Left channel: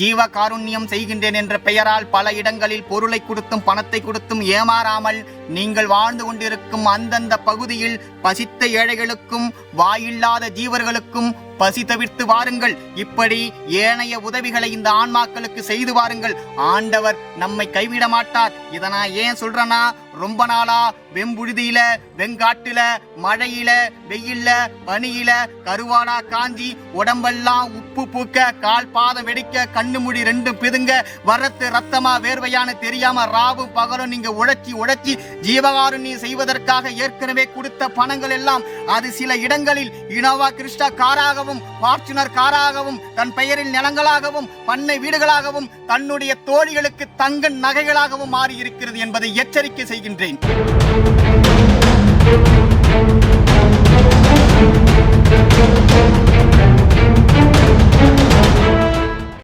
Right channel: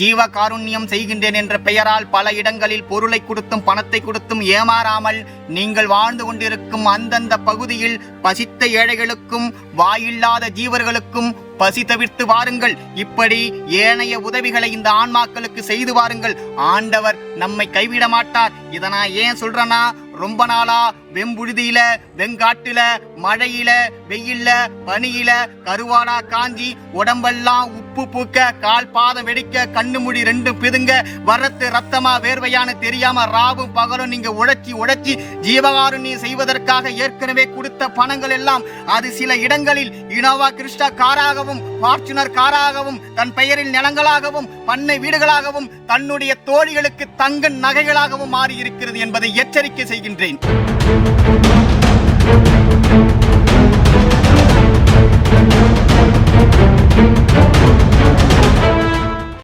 ஜீவ காருண்யம் செய்கின்றேன் என்ற பெயரால் பல இடங்களில் பொருளை கொடுத்தும் பணத்தை கொடுத்தும் ஏமாறாமல் நீங்கள் வாழ்ந்து கொண்டிருக்கும் அந்தந்த பகுதியில் பசித்த ஏழைகளுக்கும் வாயில்லாத ஜீவர்களுக்கும் பசி தவிர்த்து வாருங்கள். இப்படி ஏனைய உதவிகளை இந்த ஆன்மாக்களுக்கு செய்து வாருங்கள். ஆண்டவர் நம்மை கைவிட மாட்டார். இதை நான் ஏன் சொல்றேன்னா ரொம்ப நாளா வெம்புழுதியில வெங்காட்டுல மழையில வெயில்ல பனியில கருவாடா காஞ்சி உடம்பெல்லாம் உப்பு பூக்க கால் பாதம் வெடிக்க கண்ணு முடி ரெண்டு பிதுங்க வறுத்து ரத்தமா வேர்வையான்னு தெரியாம ராவும் பகலும் நீங்க உழைச்சி உழைச்சி ஜீவகாருண்யம் செய்வதற்காக ஏற்கனவே கொடுத்த பணங்கள் எல்லாம் அது சில இடங்களில் இனோவா கிறிஸ்டா காராகவும் ஃபார்ச்சுனர் காராகவும் தன் பெயரில் நிலங்களாகவும் பண்ணை வீடுகளாகவும் தன்னுடைய தோழிகளுக்கு தங்க நகைகளாகவும் மாறி இருக்கிறது என்பதை எச்சரிக்கை செய்கின்றேன்.